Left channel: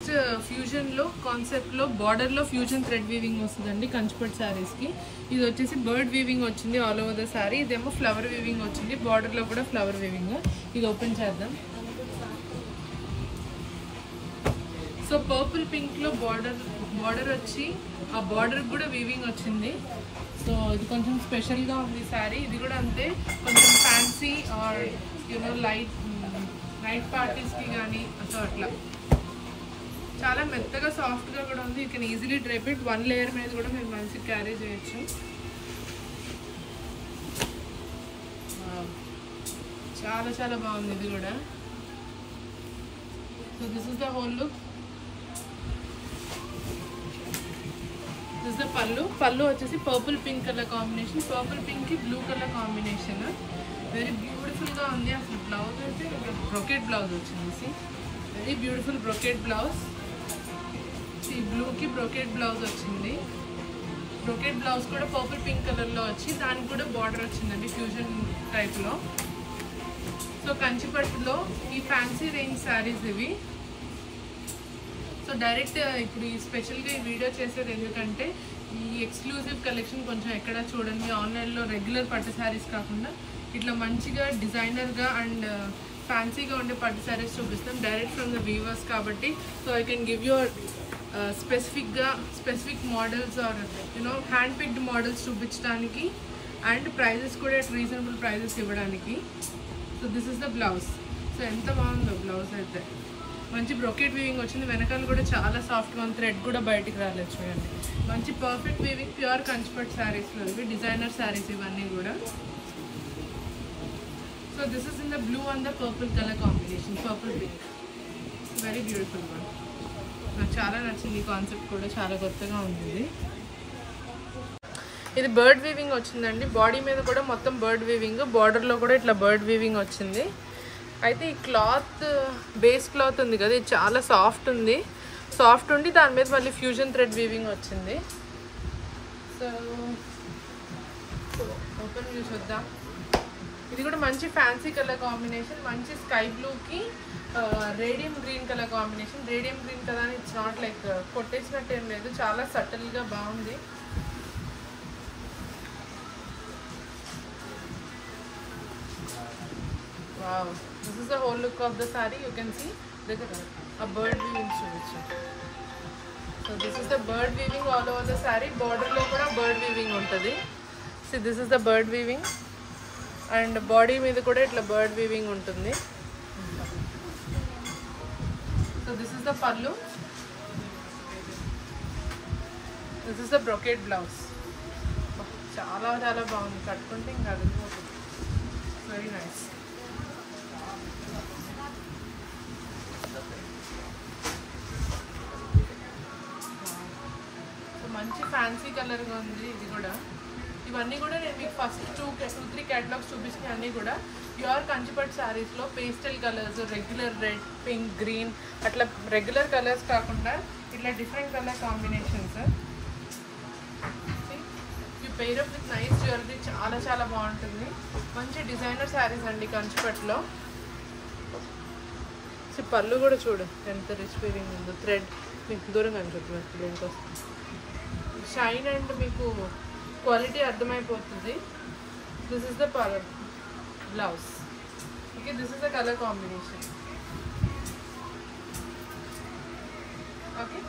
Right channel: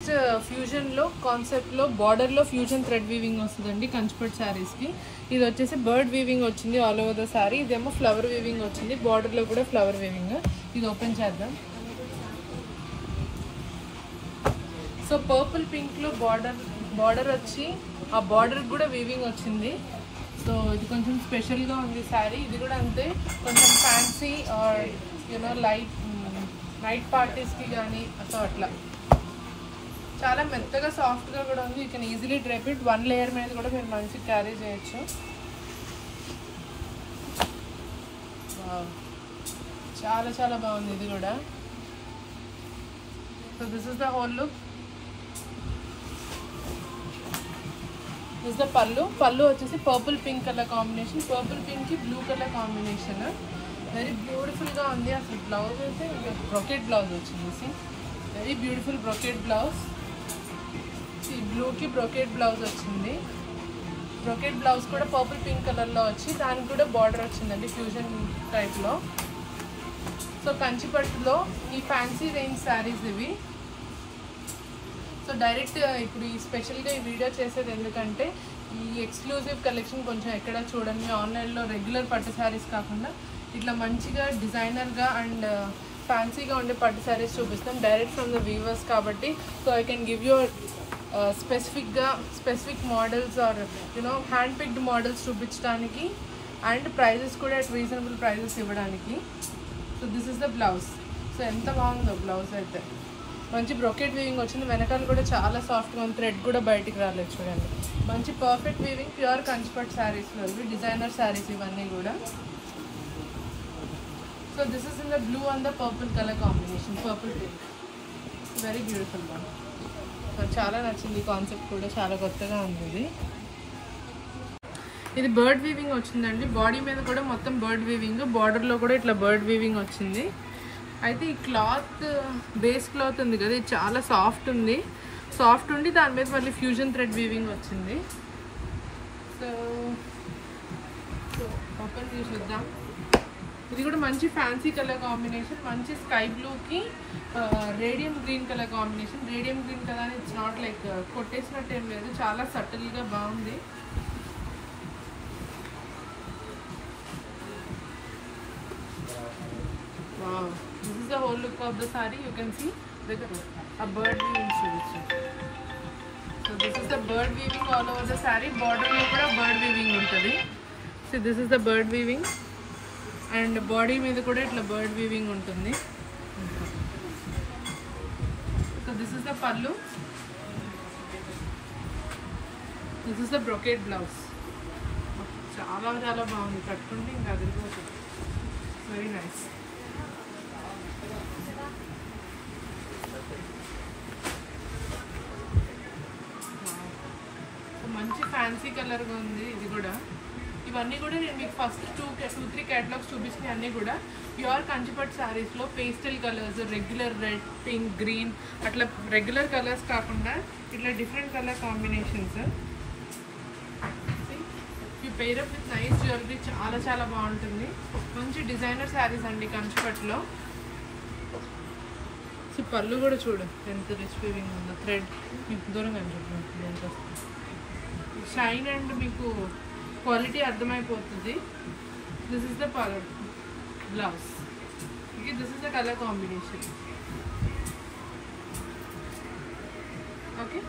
Fusion లో concept లో border లో ఫ్యూజన్ థ్రెడ్ వీవింగ్ వస్తుందండి కంచిపట్టు సారీస్ కి. ఇది వచ్చేసి బర్డ్ వీవింగ్ వచ్చింది ఆల్ ఓవర్ ద సారీ. ఇదేమో ఫ్లవర్ వీవింగ్ వచ్చింది, బార్డర్ లో కూడా ఫ్లవర్ వీవింగ్. ఇది ఓపెన్ చేద్దాం. సో పర్పుల్ పింక్ లో బార్డర్ వచ్చి ఆ బార్డర్ కూడా వీవింగ్ వచ్చింది. సో ఇది కొంచెం స్పెషల్ గా ఉంది సారీ. ఇది కూడా అంతే, కొంచెం fancy or you know night parties కి కానీ అట్లా చాలా మెత్తగా సాఫ్ట్ గా కూడా ఉంది. You can easily drape it. One layer మీద కూడా మీరు మంచిగా క్యారీ చేయొచ్చు. చాలా చాలా బాగుంది ఇది కూడా. So this is the whole look. This is the పళ్ళు వచ్చేసి purple pink colour combination, purple pink కి blue colour combination. Very beautiful గా ఉంది. అసలు బ్లౌజ్ అయితే బ్రొకెట్ బ్లౌజ్ వచ్చింది. Very beautiful brocade blouse. ఈ బ్లూకి బ్రొకెట్ బ్లౌజ్ వచ్చింది. బ్రొకెట్ బ్లౌజ్ కూడా పర్పుల్ పింక్ కలర్లో వచ్చి దానికి కూడా బార్డర్ వచ్చిందండి ఫ్యూజన్ టైప్లో. సో కంచిపట్టులో ఈ ఫ్యాన్సీ రేంజ్ శారీస్ ఇవి. సో డైరెక్ట్ ఇప్పుడు ఈ స్పెషల్గా ఈ వీడియో చేసేది ఎందుకంటే ఈ ఎక్స్క్లూజివ్ కలెక్షన్ కొంచెం ఎక్కడ చూడండి. ఆన్లైన్లో రెగ్యులర్ పట్టు శారీస్ కాకుండా ఇట్లా మంచిగా డిజైనర్గా అండ్ ఫ్యాన్సీగా ఉండే పట్టు శారీస్ చూపిస్తాం డైరెక్ట్ ఫ్రమ్ ద వీవర్స్ కాబట్టి. So I can give your specific models or you know hand picked models చూపించడానికి అండ్ ప్రైజెస్ కూడా అట్ రీజనబుల్ ప్రైజెస్ ఇవ్వడానికి. So this is the blouse. సో ఎంత బాగుందో బ్లౌజ్ అయితే. మంచి బ్రొకెట్ వీవింగ్ వచ్చింది. వెనకాల కూడా చాలా సాఫ్ట్గా ఉంది. థ్రెడ్ కూడా బయటికి రాలేదు చూడండి. మంచి పర్ఫెక్ట్ వీవింగ్ ప్యూర్ కంచిపట్టు శారీస్లో ఇవి డిజైనర్ శారీస్ ఇవన్నీ కూడా. So this is in the blue and the purple colour combination, purple pink. Very beautiful one. నాకు చాలా నచ్చింది. ఈ కాన్సెప్ట్ కూడా చాలా కొత్తగా ఉంది. ఇది బర్డ్ వీవింగ్ వచ్చిందండి. బాడీ మీద కూడా మొత్తం బర్డ్ వీవింగ్, బార్డర్లో కూడా ఇట్లా బర్డ్ వీవింగ్ వచ్చింది. అయితే ఈ క్లాత్ బేస్ క్లాత్ ఉంది కదా, ఇది చాలా సాఫ్ట్ ఉండి దాని మీద మళ్ళీ ఫ్యూజన్ థ్రెడ్ వీవింగ్ వచ్చింది. సో ఓపెన్ వ్యూ చూద్దాం. ఇది కూడా మంచి ఫ్యాన్సీ కలర్ కాంబినేషన్, మంచి స్కై బ్లూకి radium green colour combination. Radium green కదా అని ఇట్స్ నాట్ లైక్ కొట్టేసినట్టు ఏం లేదు, చాలా సటిల్గా బాగుంది. Wow, this is the whole look of the saree. You can see like a bird weaving solution. So this is the bird weaving all over the saree. Border lo kuda bird weaving untadi. See, this is the bird weaving and body meeda kuda itla bird weaving untundi. So this is the pallu. This is the brocade blouse. Chala chala baagundi. Kattundi inga adilipotundi. Very nice. మంచి fancy కలర్గా ఉంది ఇది కూడా. ఇవన్నీ కూడా నేను మీకు first 2-3 catalogues చూపిస్తున్నాయి. అన్నీ కూడా ప్యూర్ కంచిపట్టు శారీస్లో pastel colours, regular red, pink, green అట్లా రెగ్యులర్ కలర్స్ కాకుండా ఇట్లా different colour combinations. You pair up with nice jewellery. చాలా చాలా బాగుంటుంది. మంచి డిజైనర్ శారీస్ అండి కంచిపట్టులో. సో పళ్ళు కూడా చూడు ఎంత రిచ్ వీవింగ్ ఉందో. థ్రెడ్ మీకు దూరంగా అని చెప్పి మీకు బ్లౌజ్ వస్తుంది. షైన్ అండ్ మీకు క్వాలిటీ అర్థమైపోతుంది. This is the blouse. Okay, this is the colour combination. Okay.